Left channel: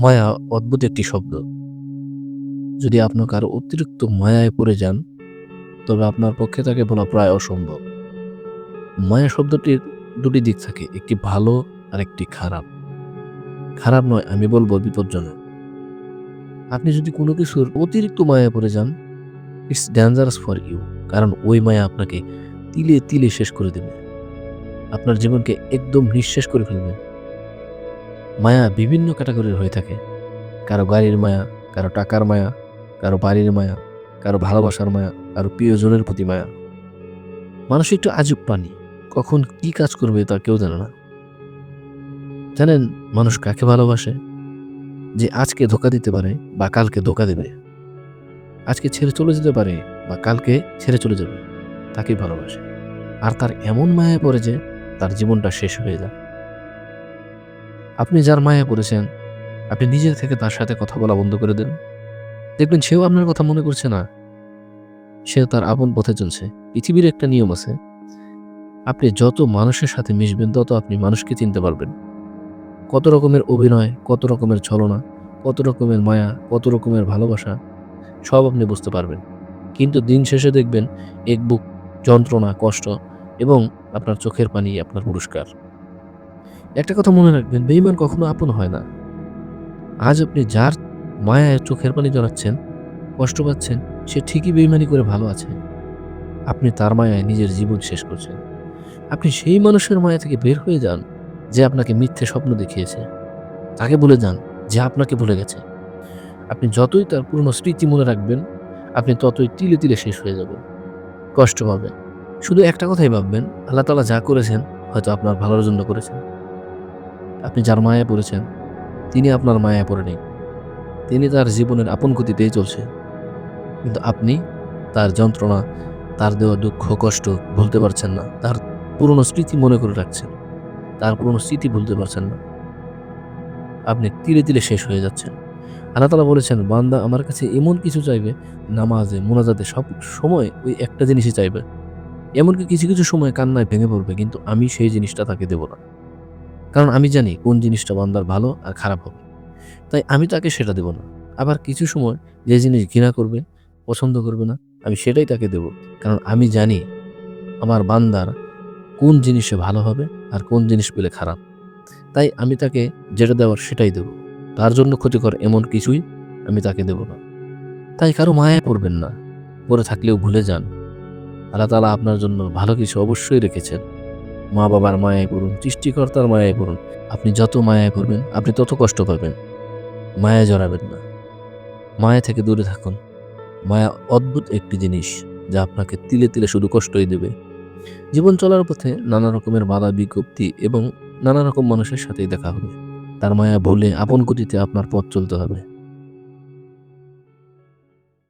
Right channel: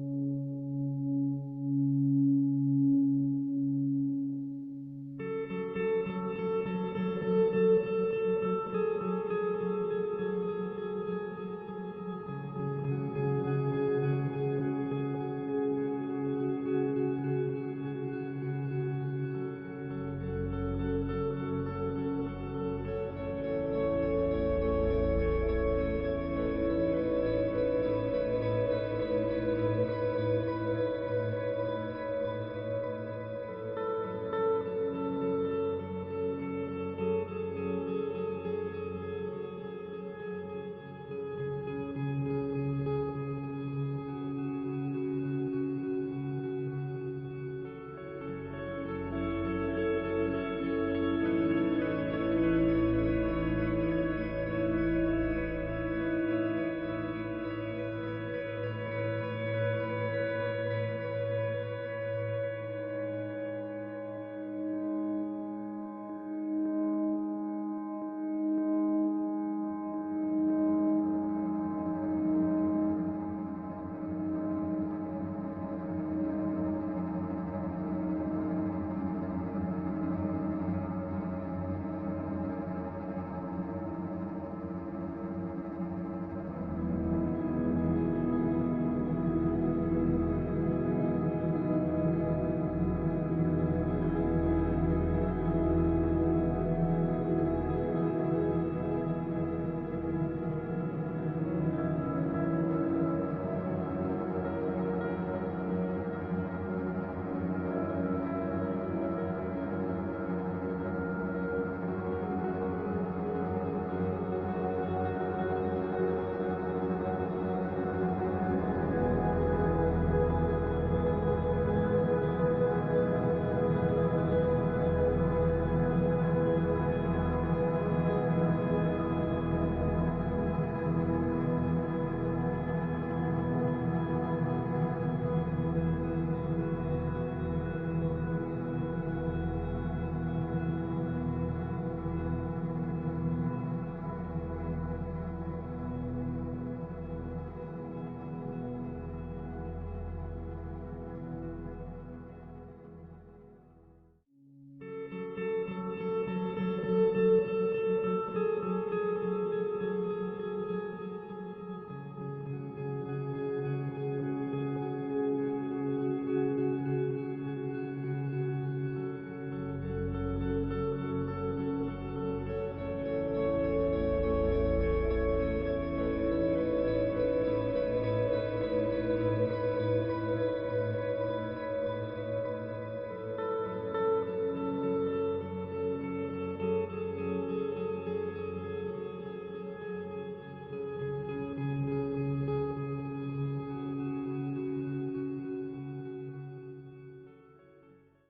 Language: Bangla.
মায়া অদ্ভুত একটি শব্দ। যদি আপনার কারও অতিরিক্ত মায়ায় পড়ে যান, তবে আপনার পক্ষে তাকে বলা প্রায় অসম্ভব। মায়া শব্দটির দুটি দিক থাকে, একটি ভালো আর একটি খারাপ। খারাপ নয়, আমি বলব বিপজ্জনক। আপনি যদি কোনো কিছুর অতিরিক্ত মায়া পড়ে যান ইটস ডেঞ্জারাস ফর ইউ কারণ ওই মায়া আপনাকে তিলে তিলে শেষ করে দেবে। আপনার জীবনকে একদম নিঃশেষ করে ফেলবে। মায়া বিভিন্ন ক্যাটাগরির হয়ে থাকে। কারও গাড়ির মায়া, কারও টাকার মায়া, কারও বাড়ির মায়া, কারও ভালোবাসার মায়া, কারও প্রিয়জনের প্রতি মায়া। মানুষ একটু আজব প্রাণী কখন কি কাজ করবে তা কেউ জানে না। জানেন, মানুষ কাকে ভালোবাসে? যে আজকে ধোকা দিতে পারে বা কালকে ধোকা দেবে। আজকে ছেড়ে চলে যেতে পারে বা কালকে ছেড়ে চলে যাবে, তাকেই ভালোবাসে। আর তার এমন মায়া পড়ে যে তার জীবনটা শেষ হয়ে যায়। আপনি যার মায়া পড়েছেন আপনি নিজের থেকে তার সাথে কথা বলা বন্ধ করে দেন। দেখবেন সেও আপনার কথা মনে করছে না। সে তার আপন পথে চলছে। পৃথিবীর একটা নিয়ম আছে। আপনি যত মানুষের সাথে মিশবেন, তত আপনি মানুষকে চিনতে পারবেন। কত রকমের অভিনয়, কত রকমের ছলনা, কত রকমের মায়া, কত রকমের ভালোবাসা, সব আপনি বুঝতে পারবেন। কিন্তু দিন শেষে দেখবেন, এক বুক যন্ত্রণা, কষ্ট এবং আপনার চোখের পানি আপনার পুরস্কার। একটা কথা মনে রাখবেন বেইমান কখনো আপন হয় না। আজ আপনি যার মায়ায় চোখের পানি জড়াচ্ছেন, কষ্ট পাচ্ছেন, সে ঠিকই বেইমানি করে ভালো আছে আপনি তার মায়ায় নিজের জীবন শেষ করছেন। আপনি সেই মানুষের মায়া থেকে বের হয়ে যান, যে আপনাকে মিথ্যে স্বপ্ন দেখিয়েছে। তাকে বলে যান, যে আপনাকে ভুলে গেছে। আপনি যতই তার পুরনো স্মৃতি মনে রাখবেন, আপনি ততই তিলে তিলে শেষ হয়ে যাবেন কষ্ট পাবেন। শুধু একটা কথাই ভাববেন, আল্লাহ তালা যা করেছেন, হয়তো আপনার ভালোর জন্য করেছেন। আপনি যার মায়ায় পড়েছেন, তিনি আপনার মায়ায় পড়ে নেই। তিনি তার জীবনের আপন গতিতেই চলছে। কিন্তু আপনি তার যন্ত্রণা, তার দেওয়া দুঃখ, কষ্ট ভুলতে পারছেন না। তার পুরনো স্মৃতি মনে করে রাখছেন। তার পুরনো স্মৃতি ভুলতে পারছেন না। আপনি তিলে তিলে শেষ হয়ে যাচ্ছেন। আল্লাহ তালা বলেছেন, বান্দা আমার কাছে এমন কিছু চাইবে, নামাজে, মোনাজাতে, সব সময় ওই একটা জিনিসই চাইবে। এমনকি কিছু কিছু সময় কান্নায় ভেঙে পড়বে, কিন্তু আমি সেই জিনিসটা তাকে দেব না। কারণ আমি জানি কোন জিনিসটা বান্দার ভালো আর খারাপ হবে। তাই আমি তাকে সেটা দেব না। আবার কিছু সময় যে জিনিস ঘৃণা করবে, পছন্দ করবে না, আমি সেটাই তাকে দেব। কারণ আমি জানি আমার বান্দার কোন জিনিসে ভালো হবে আর কোন জিনিস পেলে খারাপ। তাই আমি তাকে যেটা দেওয়ার সেটাই দেব। তার জন্য ক্ষতিকর এমন কিছুই আমি তাকে দেব না। তাই কারও মায়া পড়বেন না। পড়ে থাকলেও ভুলে যান। আল্লাহ তালা আপনার জন্য ভালো কিছু অবশ্যই রেখেছেন। মা বাবার মায়ায় পড়ুন সৃষ্টিকর্তার মায়ায় পড়ুন আপনি যত মায়ায় করবেন, আপনি তত কষ্ট পাবেন। মায়া জড়াবেন না। মায়া থেকে দূরে থাকুন। মায়া অদ্ভুত একটি জিনিস যা আপনাকে তিলে তিলে শুধু কষ্টই দেবে। জীবন চলার পথে নানা রকমের বাধা, বিজ্ঞপ্তি এবং নানা রকম মানুষের সাথেই দেখা হবে। তার মায়া ভুলে আপন গতিতে আপনার পথ চলতে হবে।